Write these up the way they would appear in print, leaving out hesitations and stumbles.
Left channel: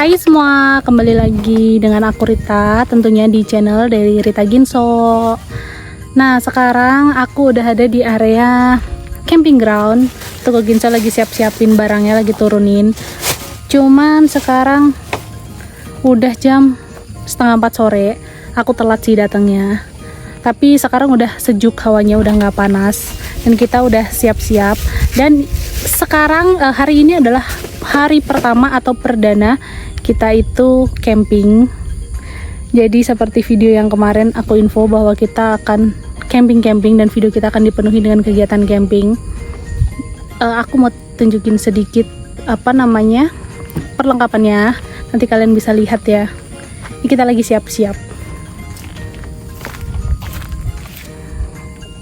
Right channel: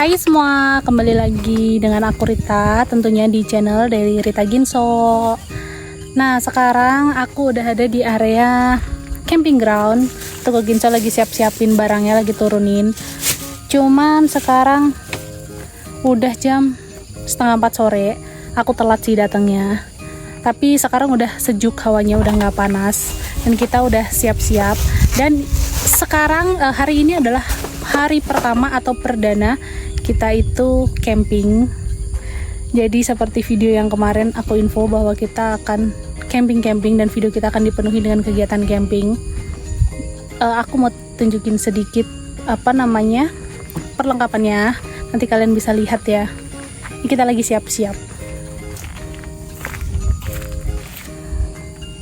Hai semua, kembali lagi dengan aku Rita, tentunya di channel dari Rita Ginso. Nah, sekarang aku udah ada di area camping ground. Tuh Ginso lagi siap-siapin barangnya, lagi turunin. Cuman sekarang udah jam setengah 4 sore. Aku telat sih datangnya. Tapi sekarang udah sejuk, hawanya udah nggak panas dan kita udah siap-siap. Dan sekarang hari ini adalah hari pertama atau perdana kita itu camping. Jadi seperti video yang kemarin aku info bahwa kita akan camping dan video kita akan dipenuhi dengan kegiatan camping. Aku mau tunjukin sedikit perlengkapannya. Nanti kalian bisa lihat ya. Ini kita lagi siap-siap.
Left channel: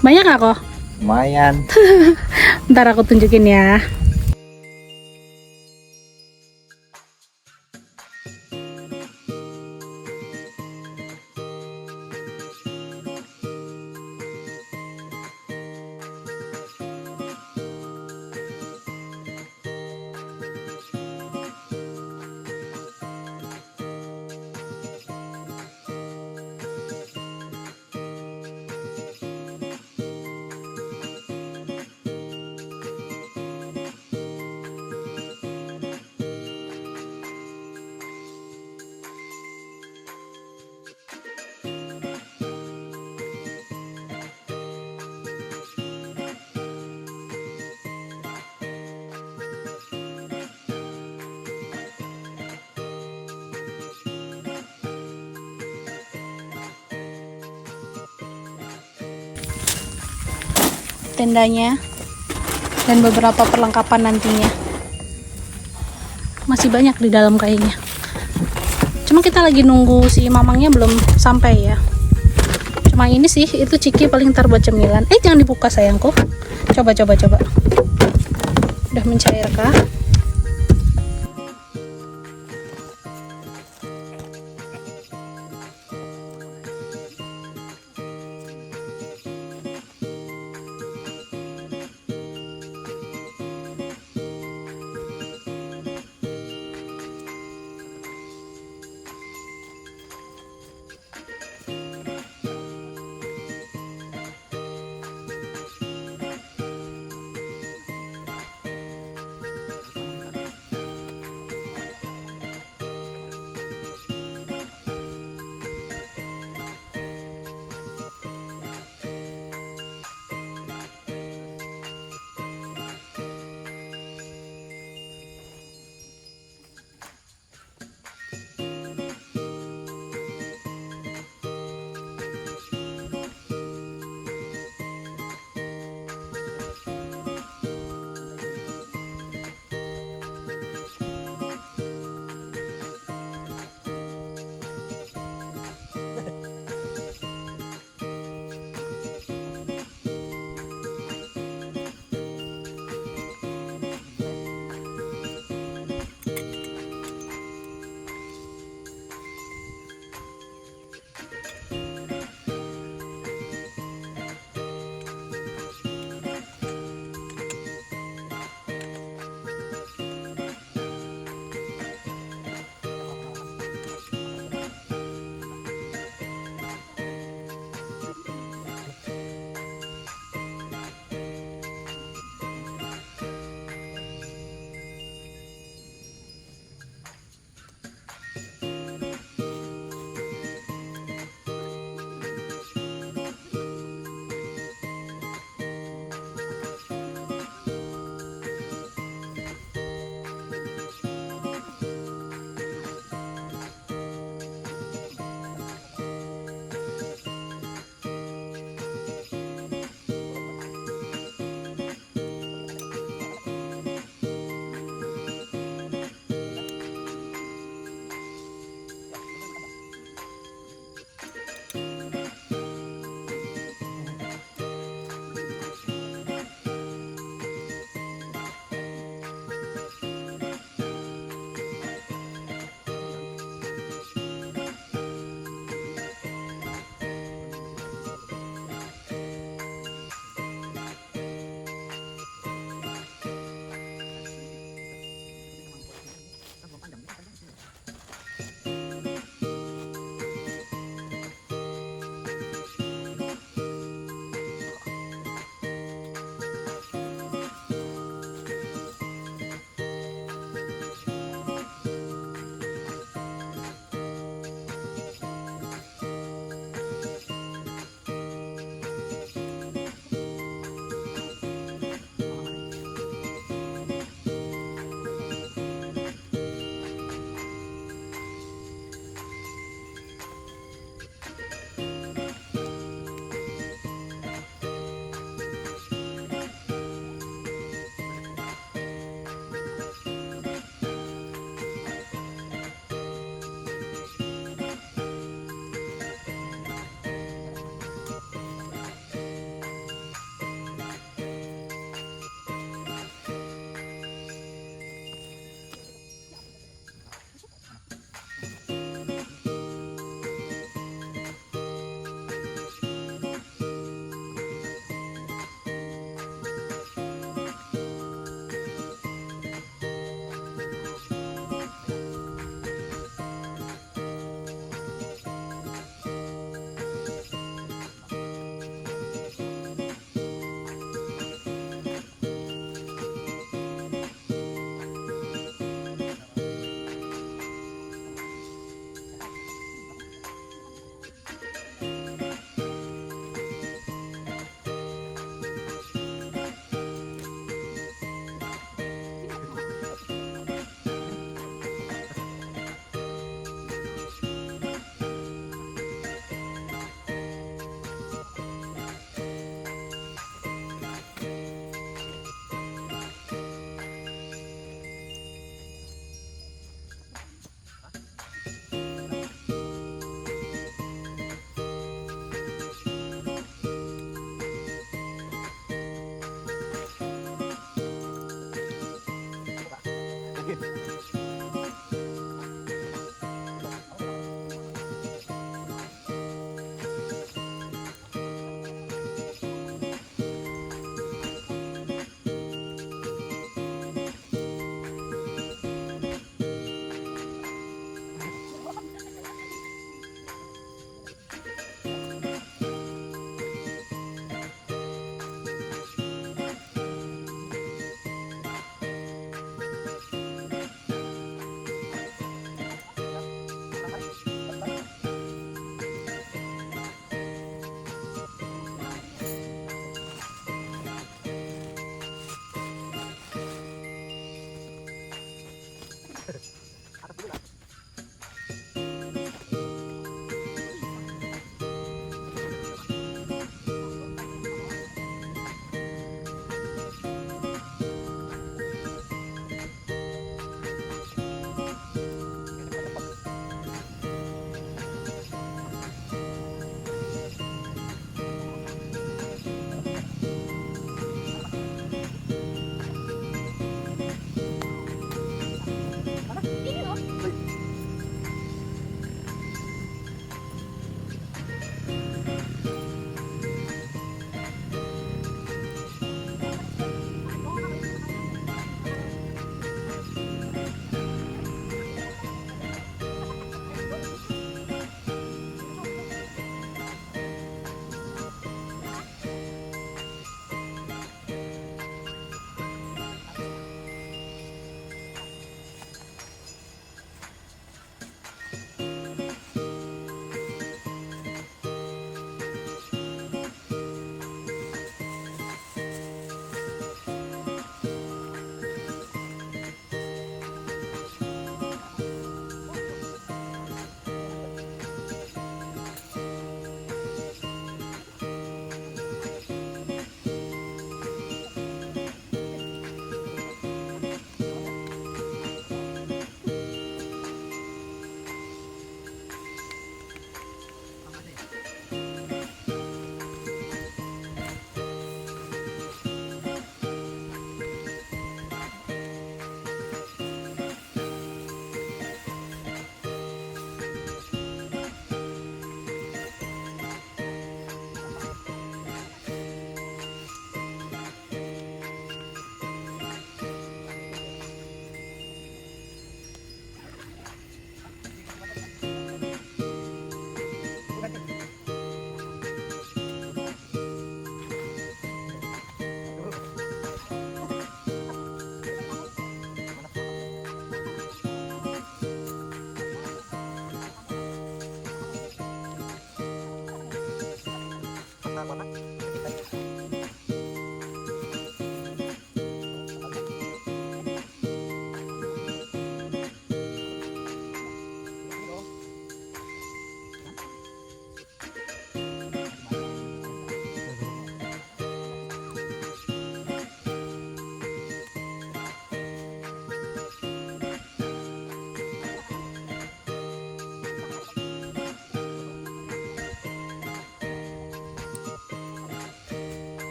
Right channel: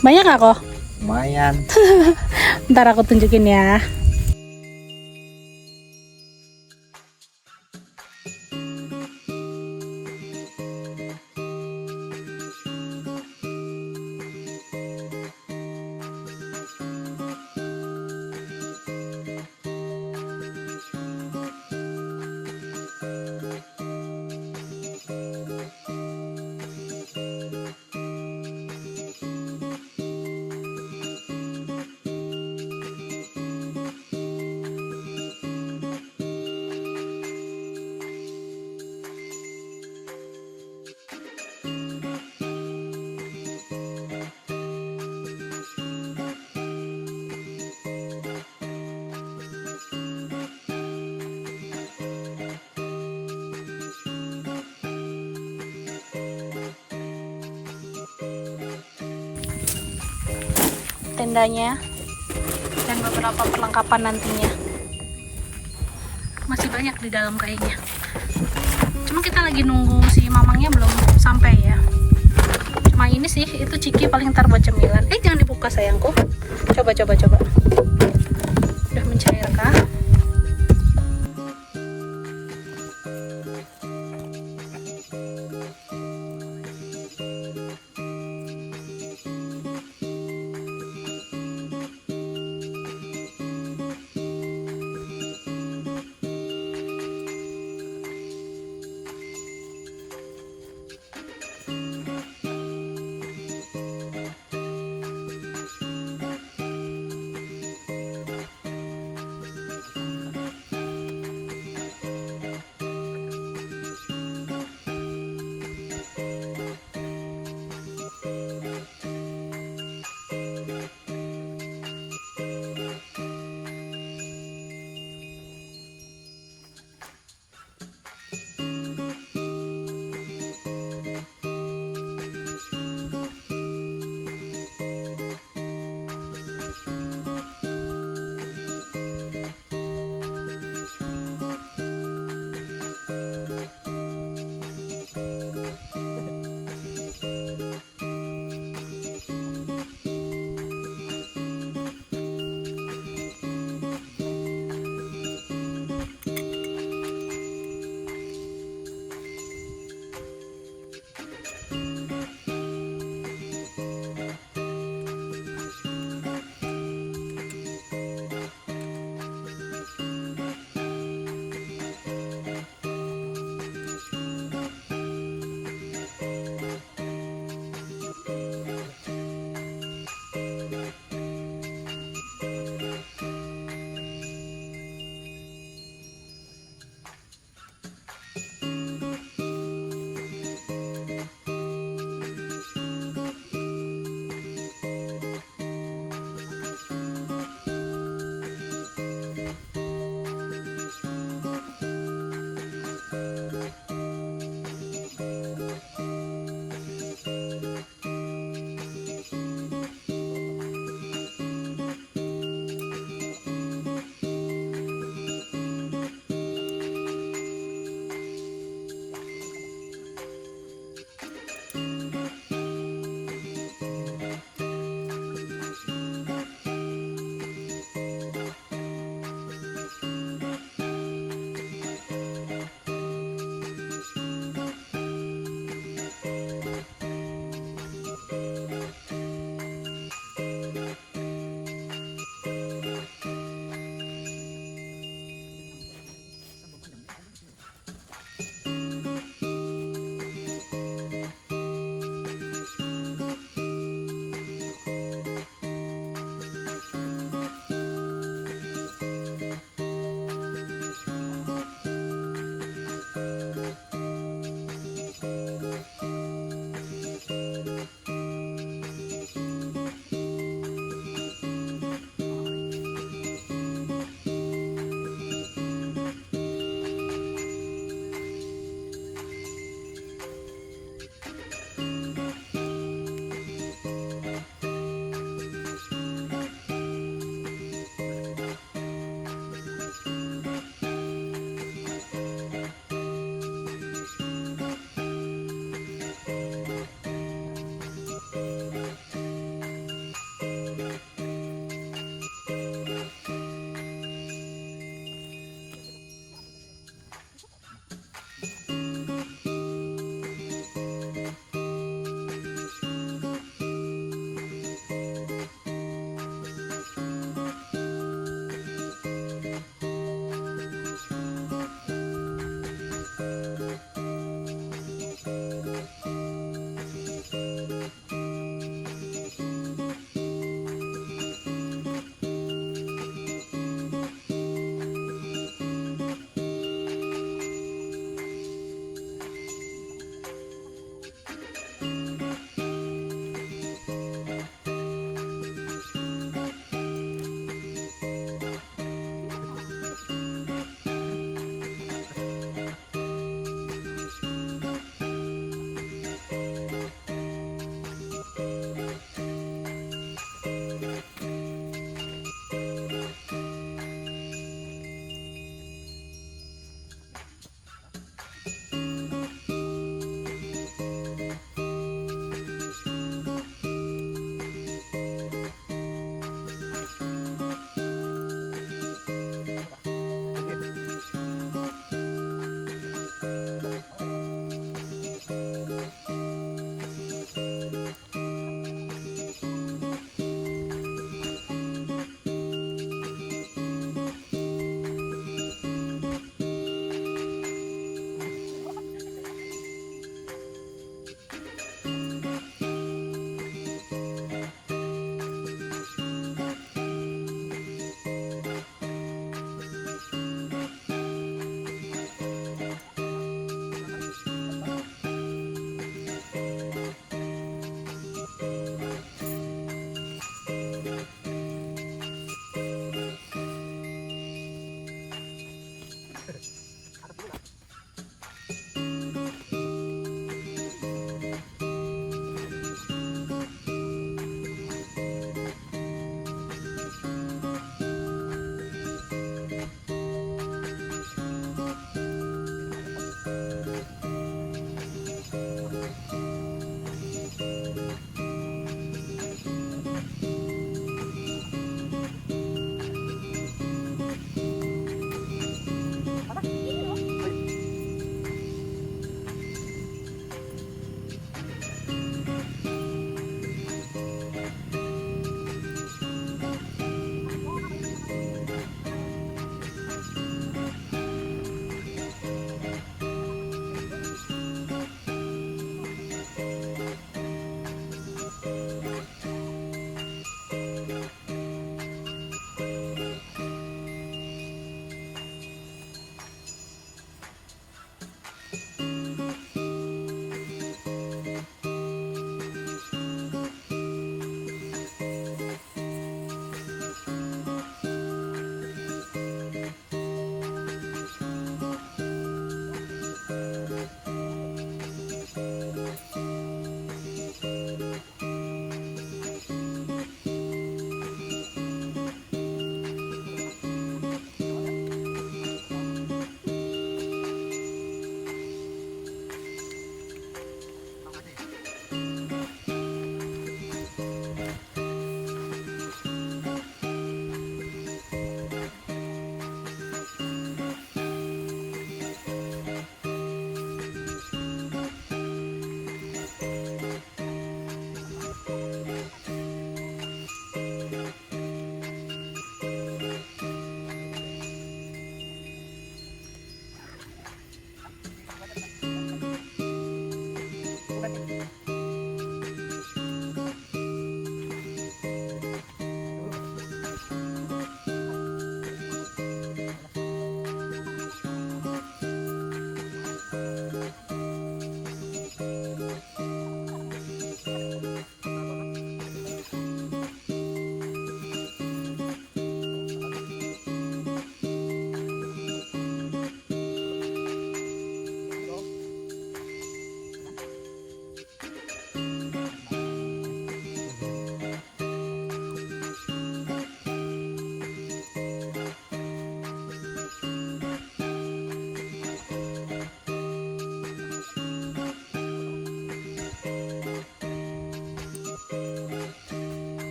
Banyak nggak kok? Lumayan. Ntar aku tunjukin ya. Tendanya dan beberapa perlengkapan nantinya masih banyak di dalam kayaknya. Cuma kita lagi nunggu si mamangnya belum sampai ya. Cuma ini sih, itu Ciki paling ntar buat cemilan. Jangan dibuka sayangku. Coba. Udah mencair kah?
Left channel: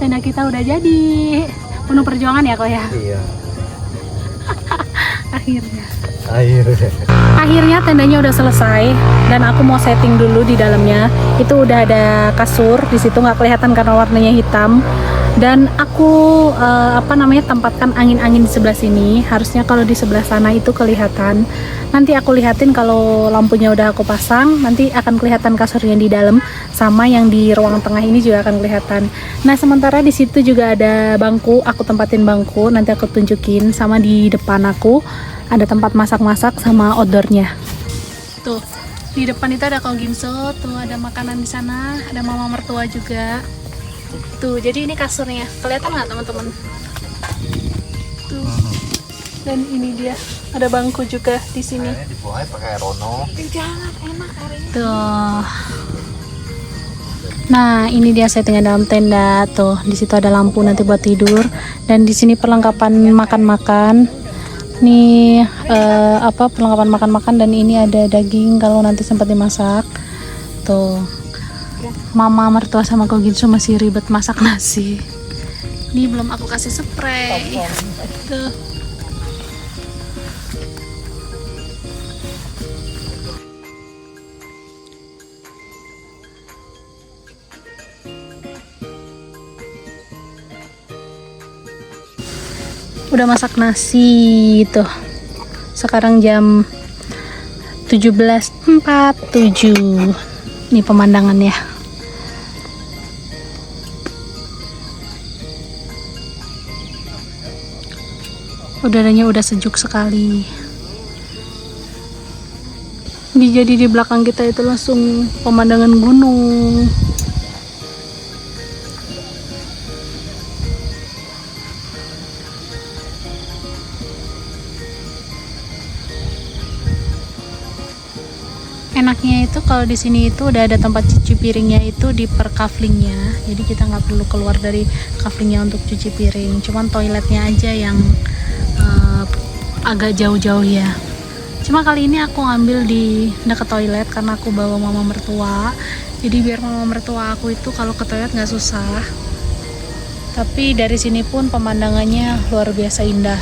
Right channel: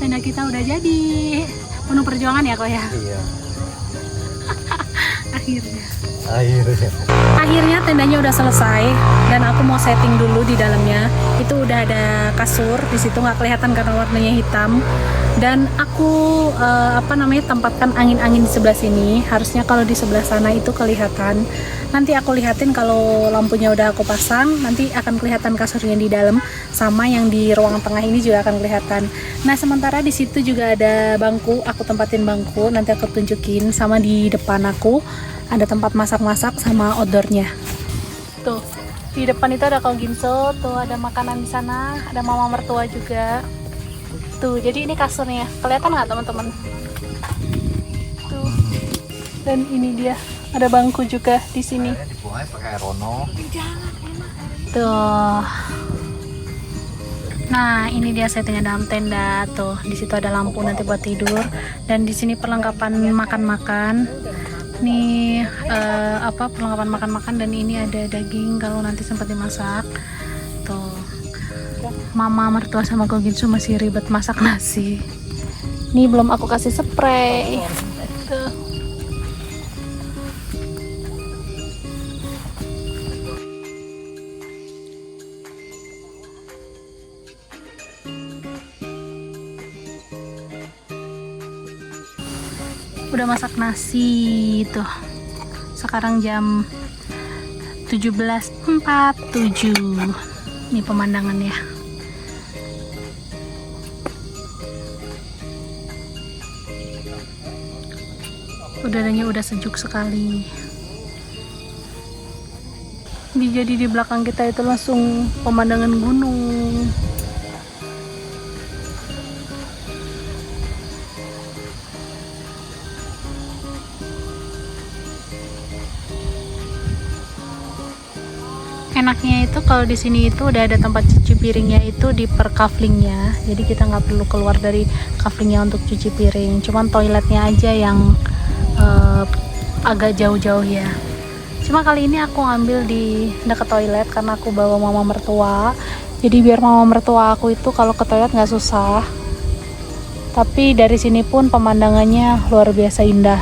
Tenda kita udah jadi. Penuh perjuangan ya kok ya? Iya. Akhirnya tendanya udah selesai dan aku mau setting dulu di dalamnya. Itu udah ada kasur di situ, nggak kelihatan karena warnanya hitam. Dan aku tempatkan angin-angin di sebelah sini. Harusnya kalau di sebelah sana itu kelihatan. Nanti aku lihatin kalau lampunya udah aku pasang, nanti akan kelihatan kasurnya di dalam, sama yang di ruang tengah ini juga akan kelihatan. Nah, sementara di situ juga ada bangku, aku tempatin bangku, nanti aku tunjukin. Sama di depan aku ada tempat masak-masak sama outdoornya. Tuh, di depan itu ada Koginso, tuh ada makanan di sana, ada mama mertua juga. Tuh, jadi ini kasurnya. Kelihatan nggak teman-teman? Tuh, dan ini dia. ada bangku juga di sini. Dibuangnya pakai Rono. Tuh. Nah, ini dia settingnya dalam tenda. Tuh, di situ ada lampu nanti buat tidur. Dan di sini perlengkapan makan-makan. Nih perlengkapan makan-makan, dan ini ada daging kalau nanti sempat dimasak. Tuh. Mama mertua sama Ko Ginso masih ribet masak nasi. Ini belum aku kasih spray. Tuh. Udah masak nasi tuh. Sekarang jam 17.47. Ini pemandangannya. Udaranya udah sejuk sekali. Jadi di belakang kita itu langsung pemandangan gunung. Enaknya itu kalau di sini itu udah ada tempat cuci piringnya itu di per kaflingnya, jadi kita nggak perlu keluar dari kaflingnya untuk cuci piring. Cuman toiletnya aja yang agak jauh-jauh ya. Cuma kali ini aku ngambil di dekat toilet karena aku bawa mama mertua. Jadi biar mama mertua aku itu kalau ke toilet nggak susah. Tapi dari sini pun pemandangannya luar biasa indah.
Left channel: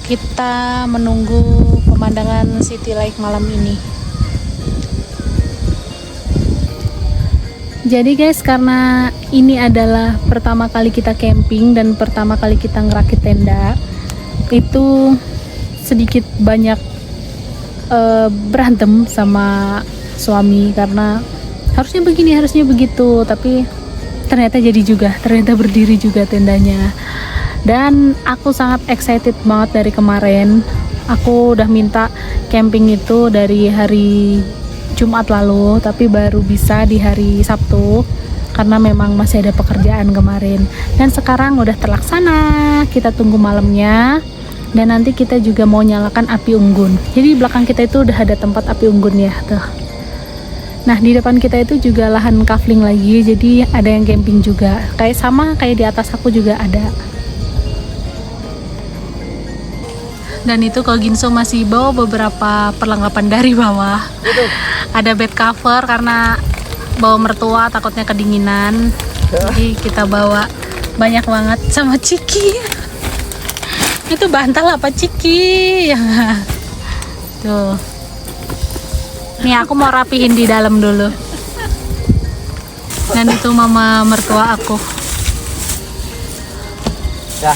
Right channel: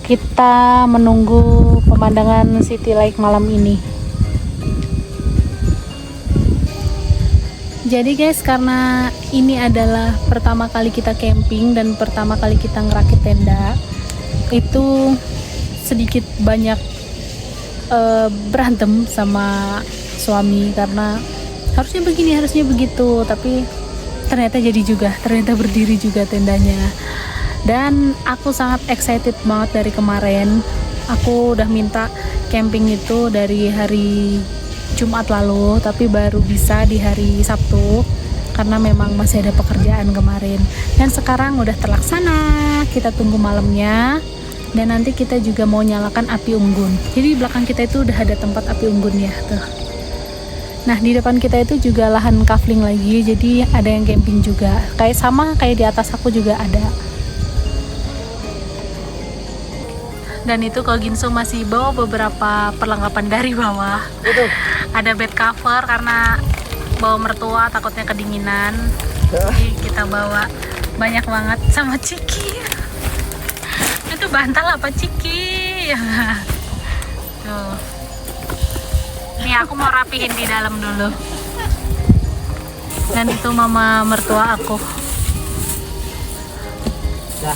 Kita menunggu pemandangan City Lake malam ini. Jadi guys, karena ini adalah pertama kali kita camping dan pertama kali kita ngerakit tenda, itu sedikit banyak berantem sama suami karena harusnya begini, harusnya begitu, tapi ternyata jadi juga, ternyata berdiri juga tendanya. Dan aku sangat excited banget dari kemarin. Aku udah minta camping itu dari hari Jumat lalu, tapi baru bisa di hari Sabtu karena memang masih ada pekerjaan kemarin. Dan sekarang udah terlaksana, kita tunggu malamnya. Dan nanti kita juga mau nyalakan api unggun. Jadi di belakang kita itu udah ada tempat api unggunnya tuh. Nah, di depan kita itu juga lahan kafling lagi, jadi ada yang camping juga. Kayak sama kayak di atas aku juga ada. Dan itu Ko Ginso masih bawa beberapa perlengkapan dari bawah. Ada bed cover karena bawa mertua takutnya kedinginan. Jadi kita bawa banyak banget sama Ciki. Itu bantal apa Ciki? Tuh. Nih aku mau rapihin di dalam dulu. Dan itu mama mertua aku. Ya.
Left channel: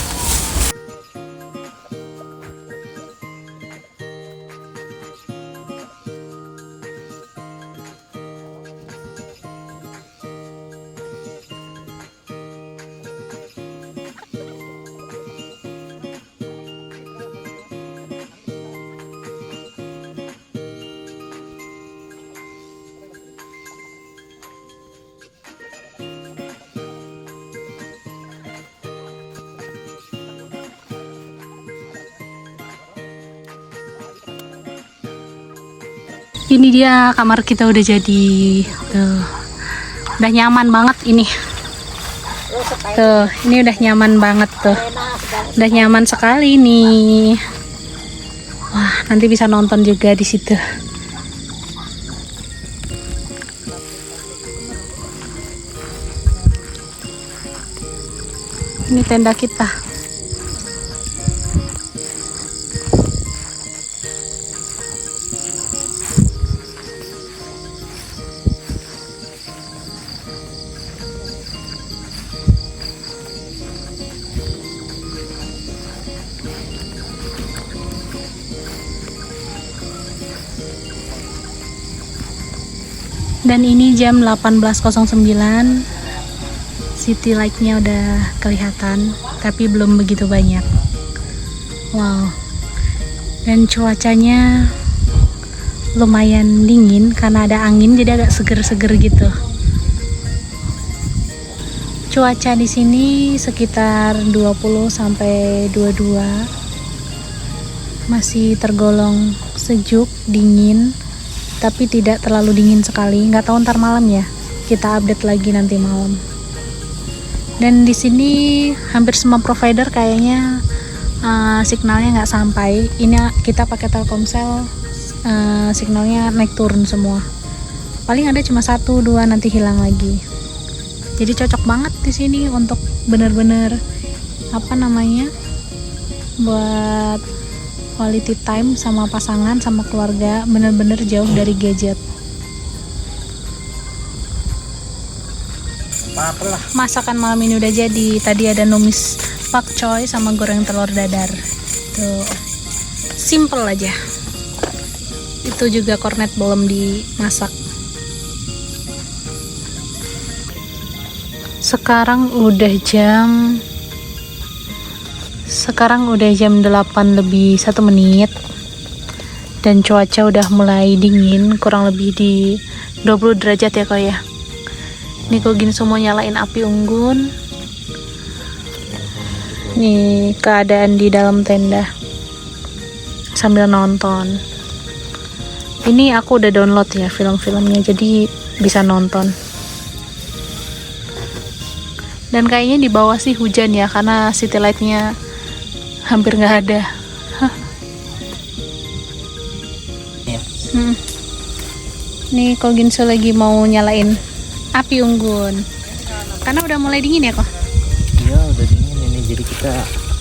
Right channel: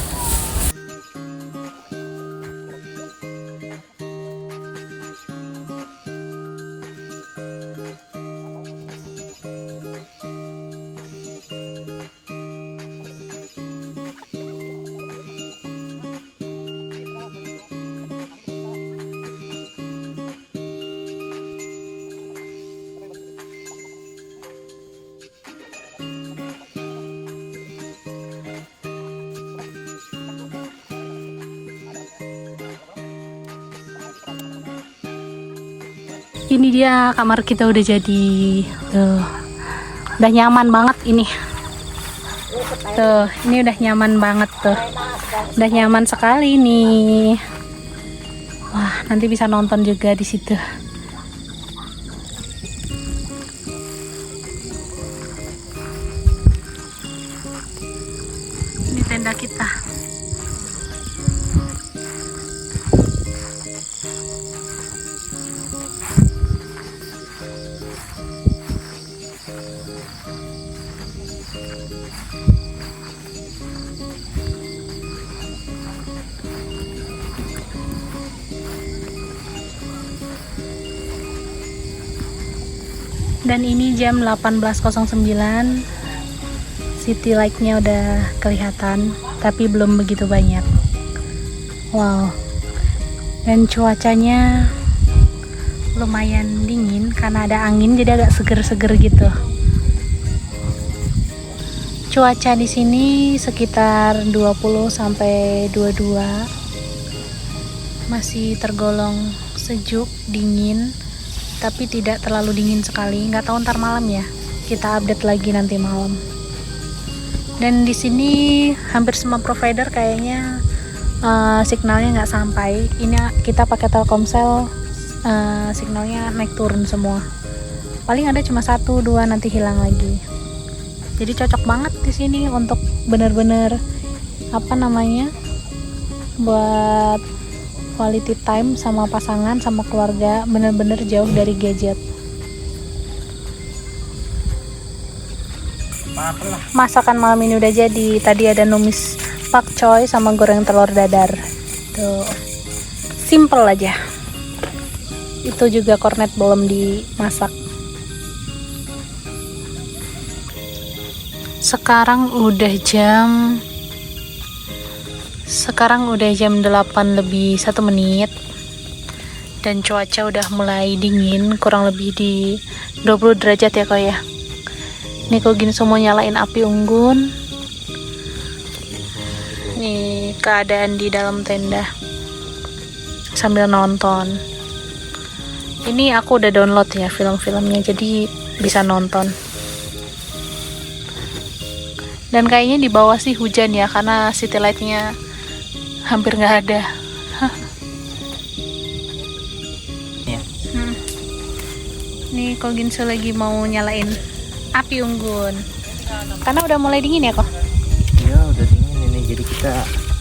Ini dia kamar kita udah jadi. Tuh. Udah nyaman banget ini. Tuh, ini udah nyaman banget tuh. Udah nyaman sekali nih. Wah, nanti bisa nonton juga di situ. Ini tenda kita. Dan ini jam 18.09. City light-nya udah kelihatan, tapi belum begitu banyak. Wow. Dan cuacanya lumayan dingin karena ada angin, jadi agak seger-seger gitu. Cuaca di sini sekitar 20 sampai 22. masih tergolong sejuk, dingin, tapi tidak terlalu dingin sekali. Nggak tahu ntar malam ya, kita update lagi nanti malam. Dan di sini hampir semua provider kayaknya signalnya nggak sampai. Ini kita pakai Telkomsel, signalnya naik turun semua. Paling ada cuma 1-2 nanti hilang lagi. Jadi cocok banget di sini untuk bener-bener buat quality time sama pasangan, sama keluarga, bener-bener jauh dari gadget. Masakan malam ini udah jadi. Tadi ada numis pakcoy sama goreng telur dadar. Tuh, simple aja. Itu juga kornet belum dimasak. Sekarang udah jam 8 lebih 1 menit dan cuaca udah mulai dingin, kurang lebih di 20 derajat ya kok ya. Nih kok gini semua nyalain api unggun. Nih keadaan di dalam tenda sambil nonton. Ini aku udah download ya film-filmnya, jadi bisa nonton. Dan kayaknya di bawah sih hujan ya, karena city light-nya hampir nggak ada. Ya. Nih kok Ginso lagi mau nyalain api unggun, karena udah mulai dingin ya kok. Iya udah dingin ini, jadi kita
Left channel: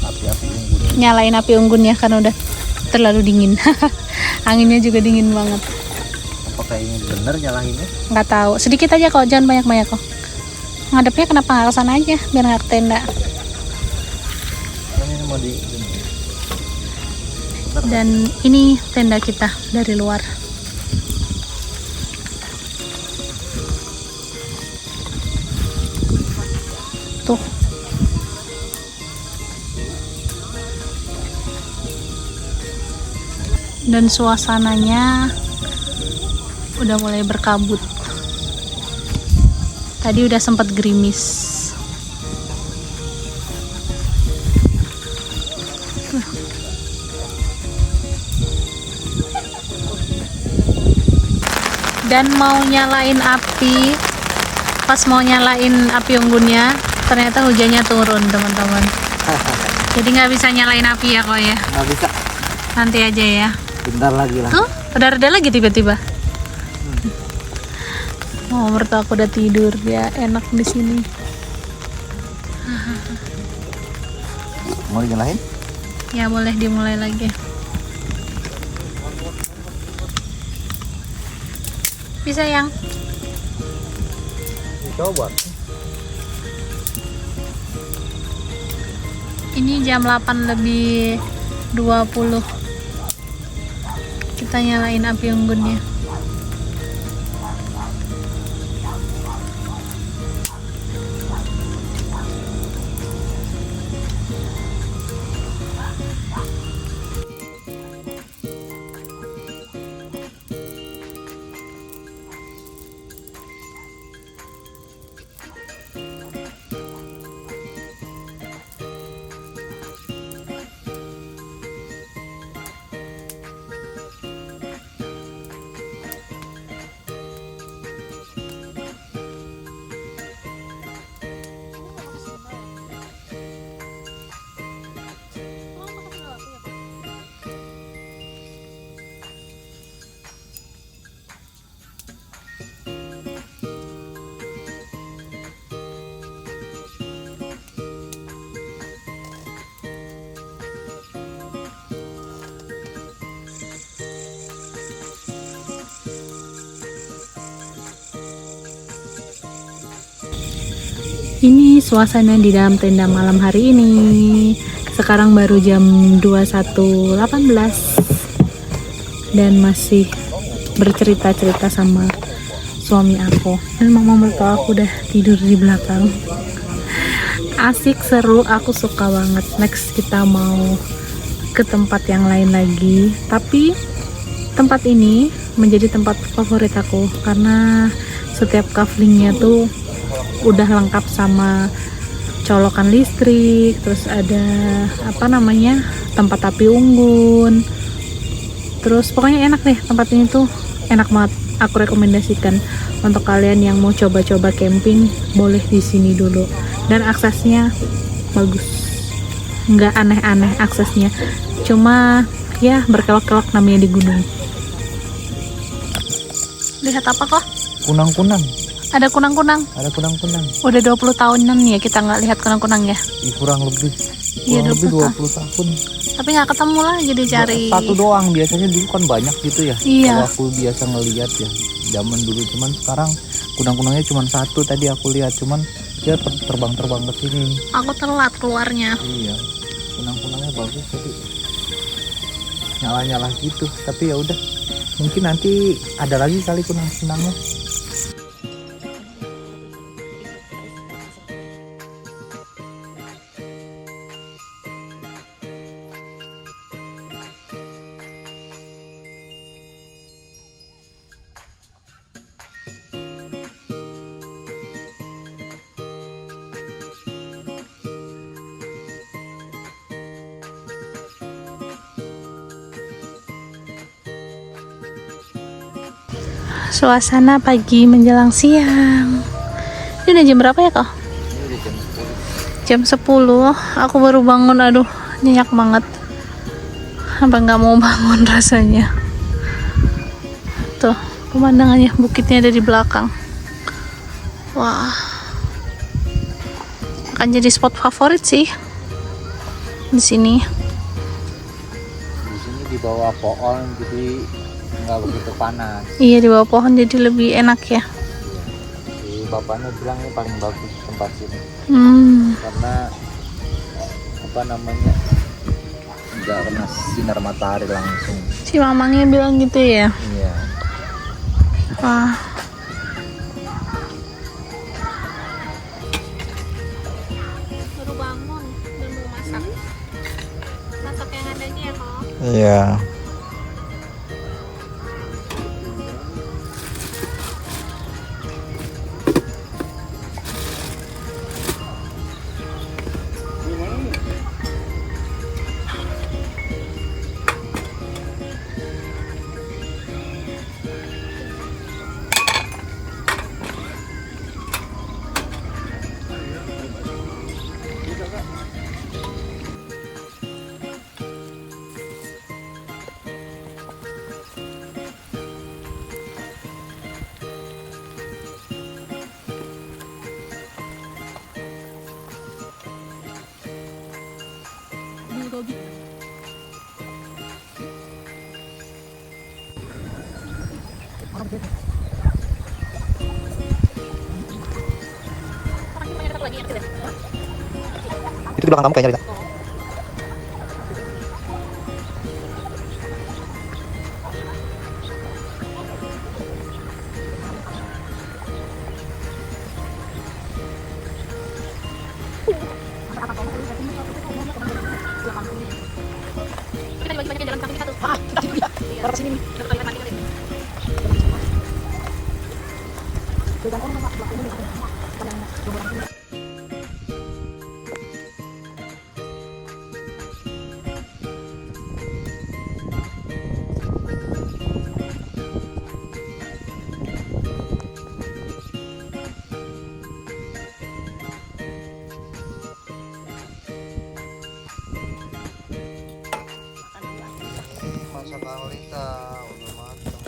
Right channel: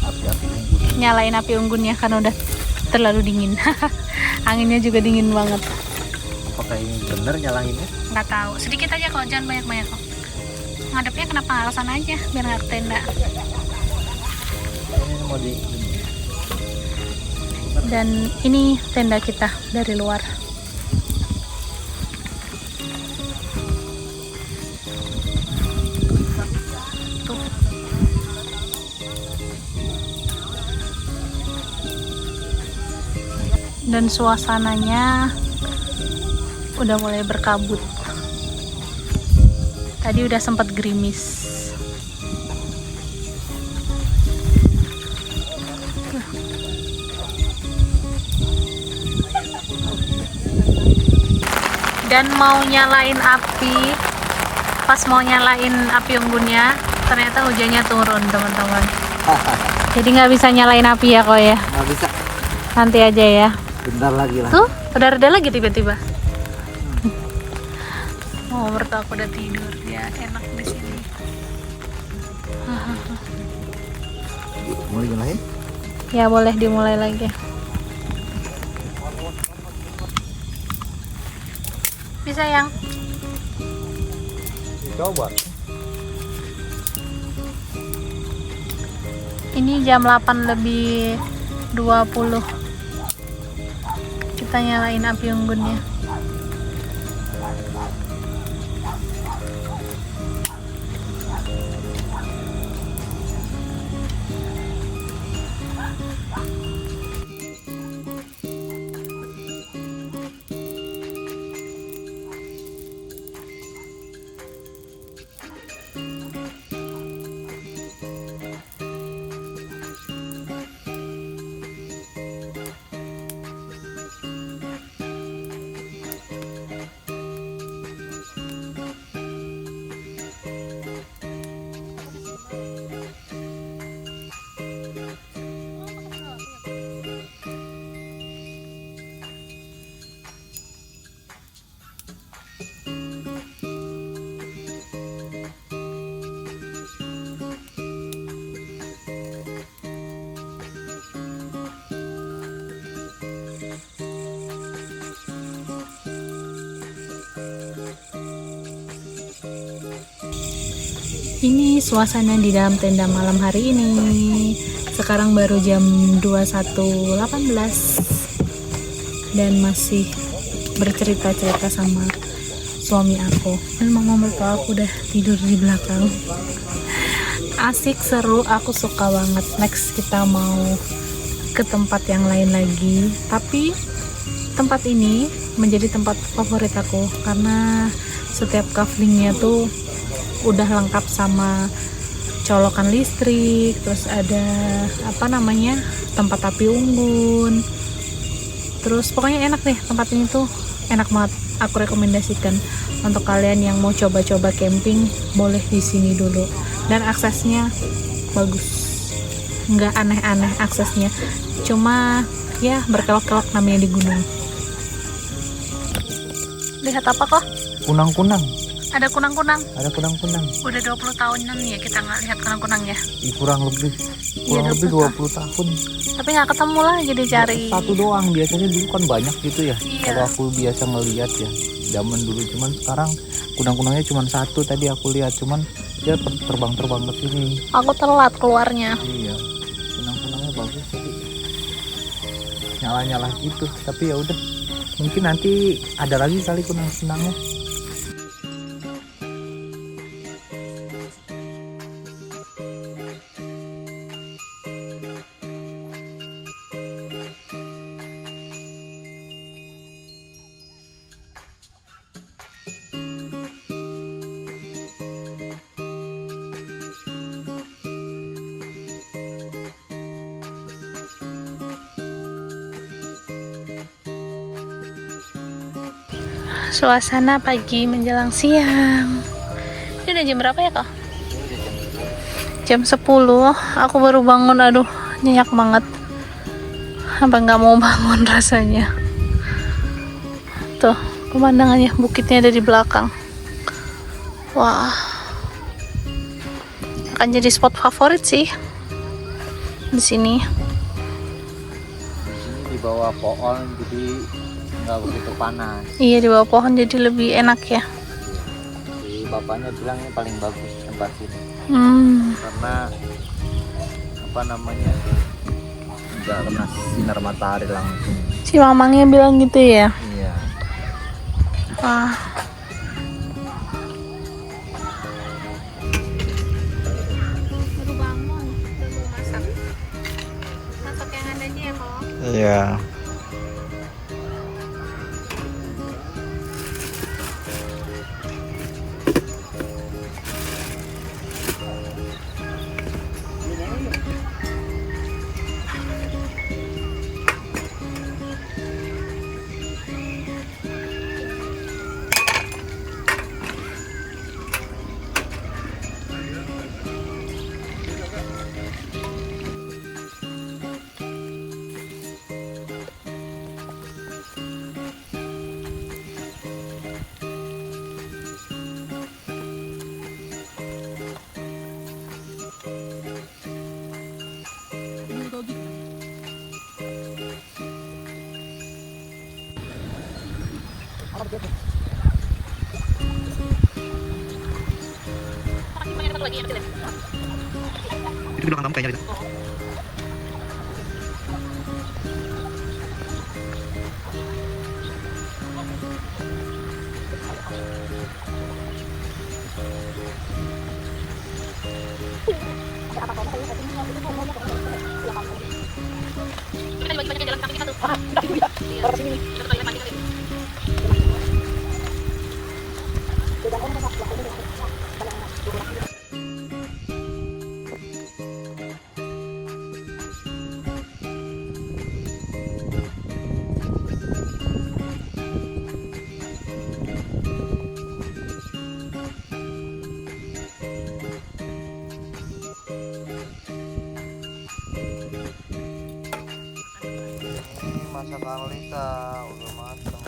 api unggun. Nyalain api unggun ya, karena udah terlalu dingin. Anginnya juga dingin banget. Apakah ini bener nyalainnya? Nggak tahu, sedikit aja kok, jangan banyak-banyak kok. Ngadepnya kenapa nggak kesana aja, biar nggak ke tenda. Ini mau di. Dan ini tenda kita dari luar. Tuh. Dan suasananya udah mulai berkabut. Tadi udah sempat gerimis. Dan mau nyalain api, pas mau nyalain api unggunnya, ternyata hujannya turun teman-teman. Jadi nggak bisa nyalain api ya kok ya. Nggak bisa. Nanti aja ya. Bentar lagi lah. Tuh, udah reda lagi tiba-tiba. Oh, mertua aku udah tidur, ya enak di sini. Mau dinyalain? Ya boleh dimulai lagi. Bisa yang? Coba. Ini jam 8 lebih 20. Kita nyalain api unggunnya. Ini suasana di dalam tenda malam hari ini. Sekarang baru jam 21.18 dan masih bercerita-cerita sama suami aku. Dan mama mertua aku udah tidur di belakang. Asik, seru, aku suka banget. Next kita mau ke tempat yang lain lagi. Tapi tempat ini menjadi tempat favorit aku karena setiap kaflingnya tuh udah lengkap sama colokan listrik, terus ada tempat api unggun. Terus pokoknya enak deh, tempat ini tuh enak banget. Aku rekomendasikan untuk kalian yang mau coba-coba camping, boleh di sini dulu. Dan aksesnya bagus, nggak aneh-aneh aksesnya, cuma ya berkelok-kelok namanya di gunung. Lihat apa kok? Kunang-kunang. Ada kunang-kunang. Ada kunang-kunang. Udah 20 tahunan ya kita nggak lihat kunang-kunang ya. Kurang lebih. Iya, Kurang lebih 20 20 tahun. Tapi nggak ketemu lagi dicari. Satu doang, biasanya dulu kan banyak gitu ya. Iya. Kalau aku biasa ngelihat ya, zaman dulu. Cuman sekarang kunang-kunangnya cuma satu tadi aku lihat. Cuman dia terbang-terbang ke sini. Aku telat keluarnya. Iya. Kunang-kunangnya bagus tadi. Nyala-nyala gitu. Tapi ya udah. Mungkin nanti ada lagi kali kunang-kunangnya. Suasana pagi menjelang siang. Ini udah jam berapa ya kok? Jam 10. Aku baru bangun, aduh nyenyak banget. Apa nggak mau bangun rasanya. Tuh pemandangannya, bukitnya ada di belakang. Wah, akan jadi spot favorit sih di sini. Di sini di bawah pohon jadi nggak begitu panas. Iya, di bawah pohon jadi lebih enak ya. Jadi bapaknya bilang ini paling bagus tempat sini karena apa namanya, nggak kena sinar matahari langsung. Si mamangnya bilang gitu ya. Iya. Wah. Baru bangun, udah mau masak. Masak yang ada aja ya kok. Iya. Itu di belakang kamu kayaknya, Rita. Masakan Lita udah matang.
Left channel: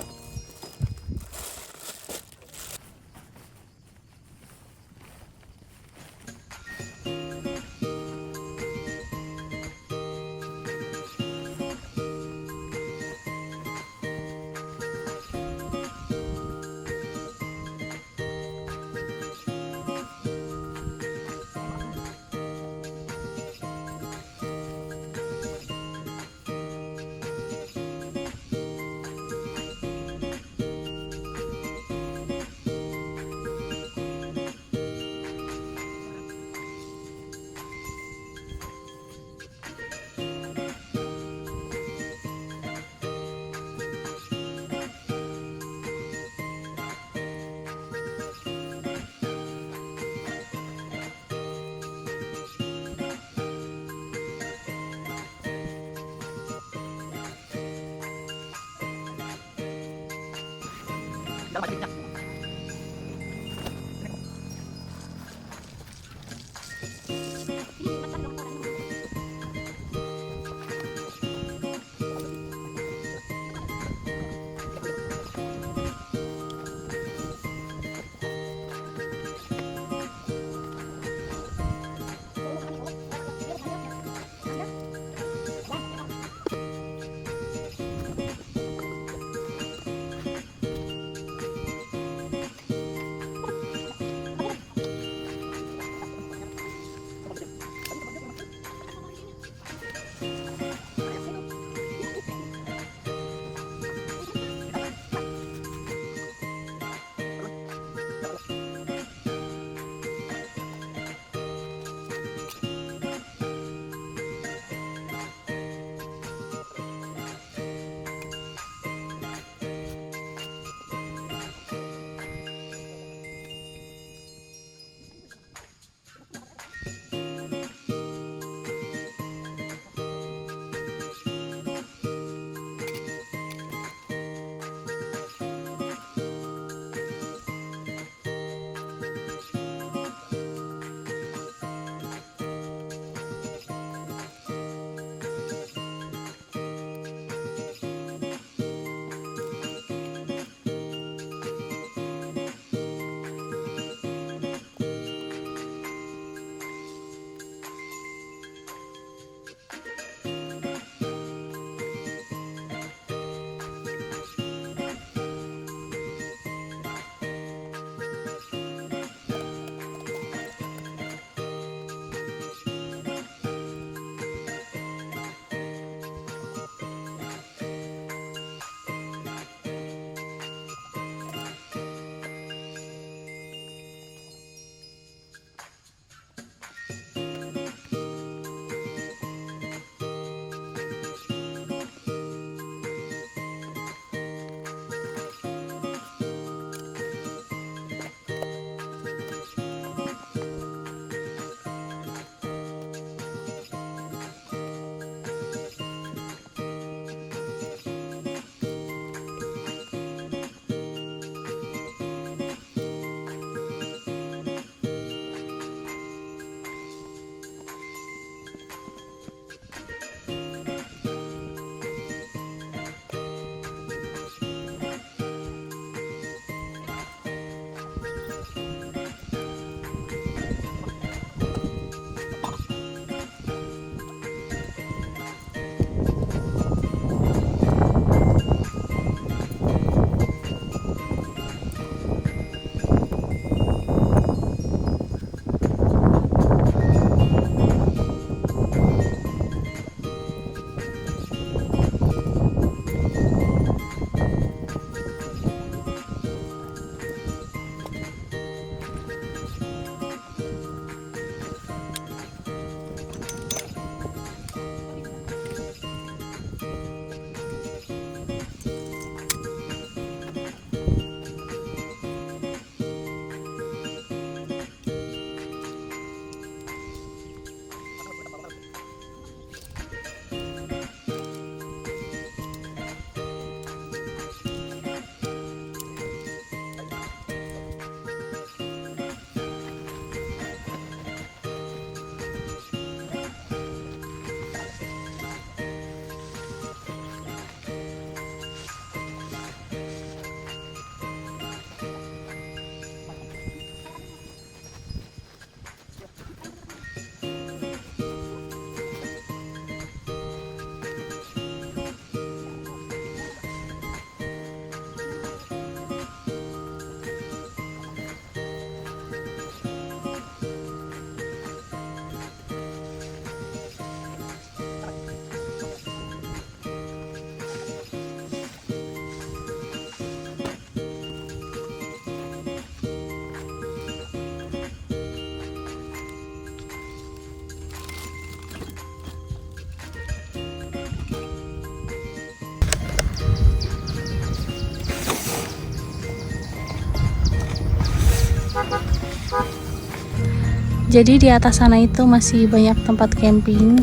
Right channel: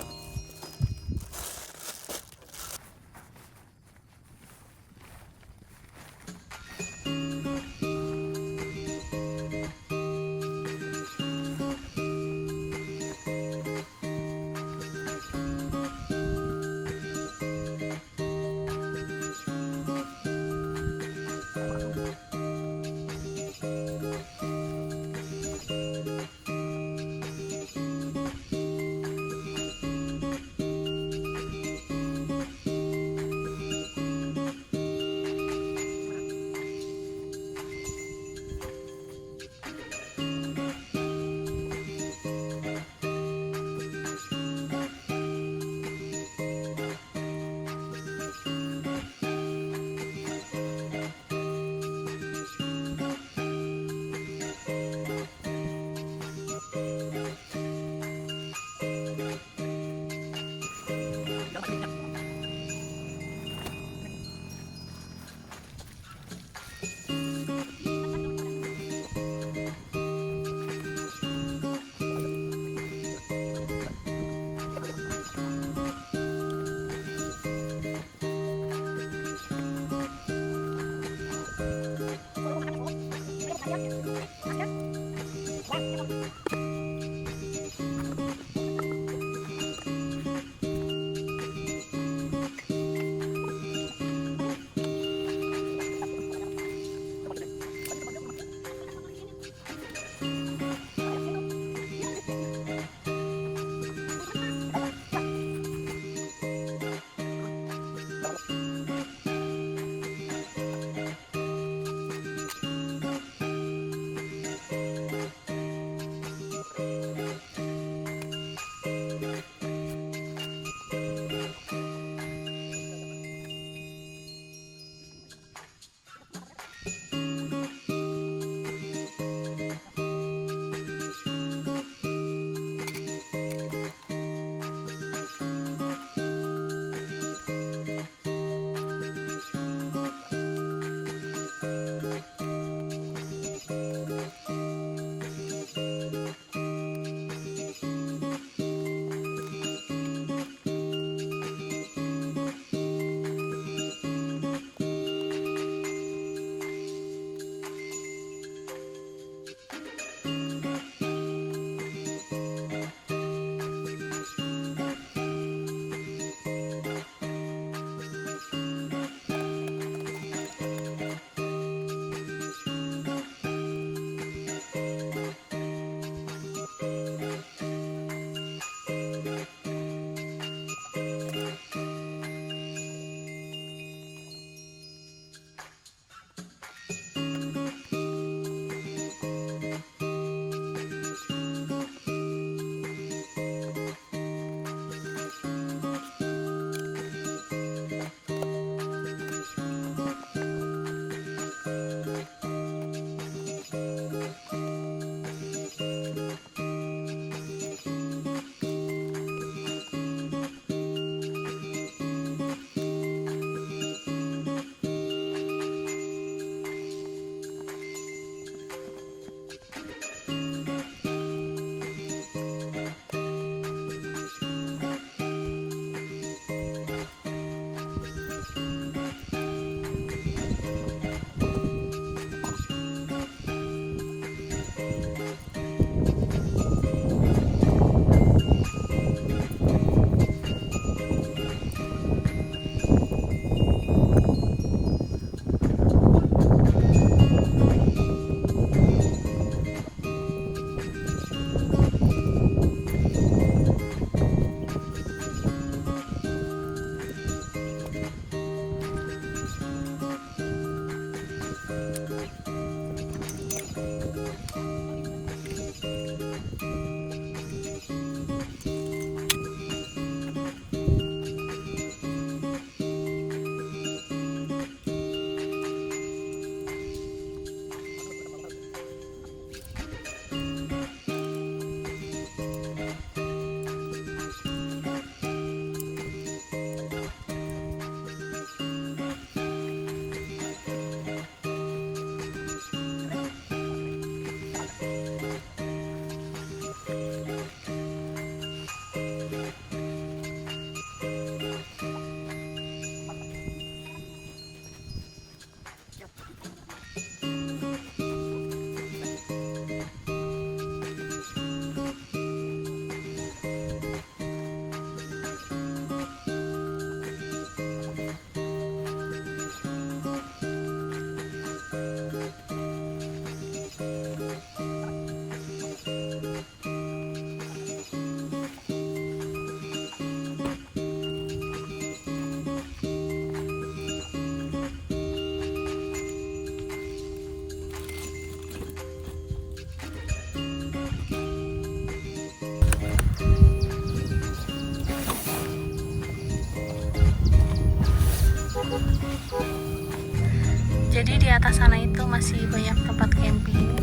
Jadi di atas sana itu masih banyak tempat camping.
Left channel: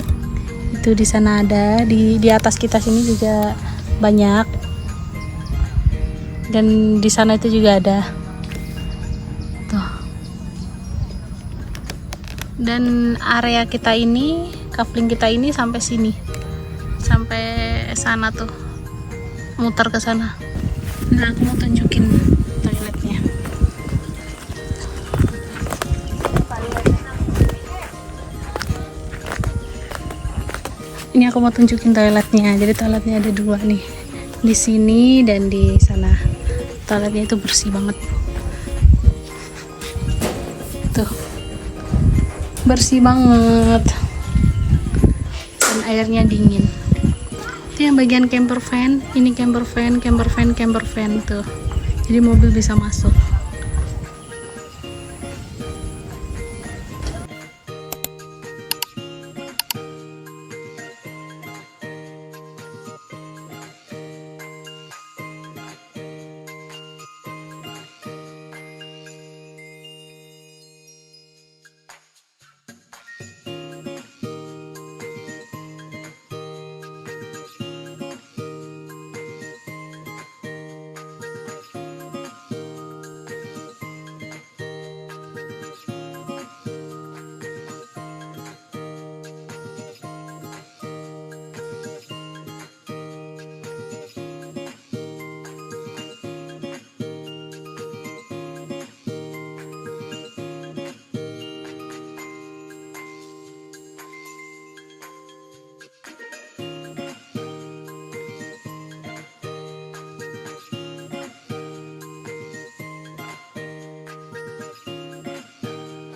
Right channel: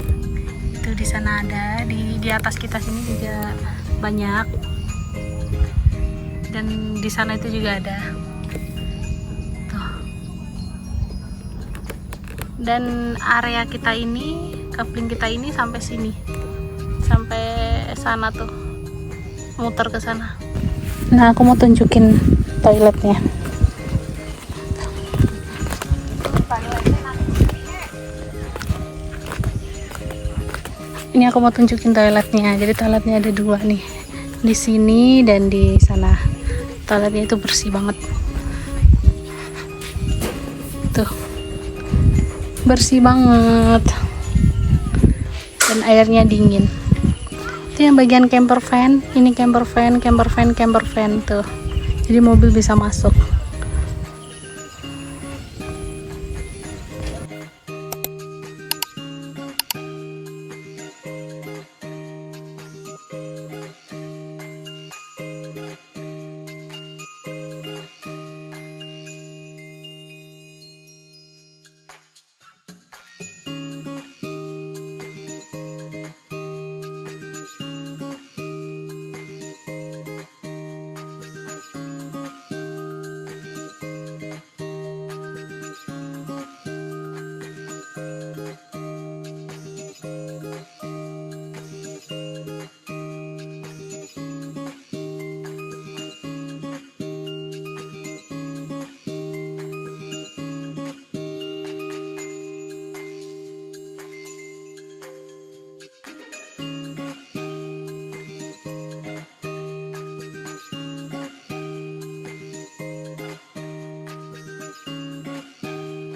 Itu di sana ada, di atas kita sini juga banyak. Dan di sana itu juga ada. Tuh. Dan area kita ini, kafling kita ini sampai sini. Sampai sana tuh. Muter ke sana. Nah, aku mau tunjukin toiletnya. Ini aku mau tunjukin toiletnya. Jadi toiletnya ada 2 nih. Di sini dan di sana. Toiletnya itu bersih banget. Tuh. Bersih banget. Dan airnya dingin. Itu yang bagian camper van. Ini camper van tuh. Jadi mobil bisa masuk.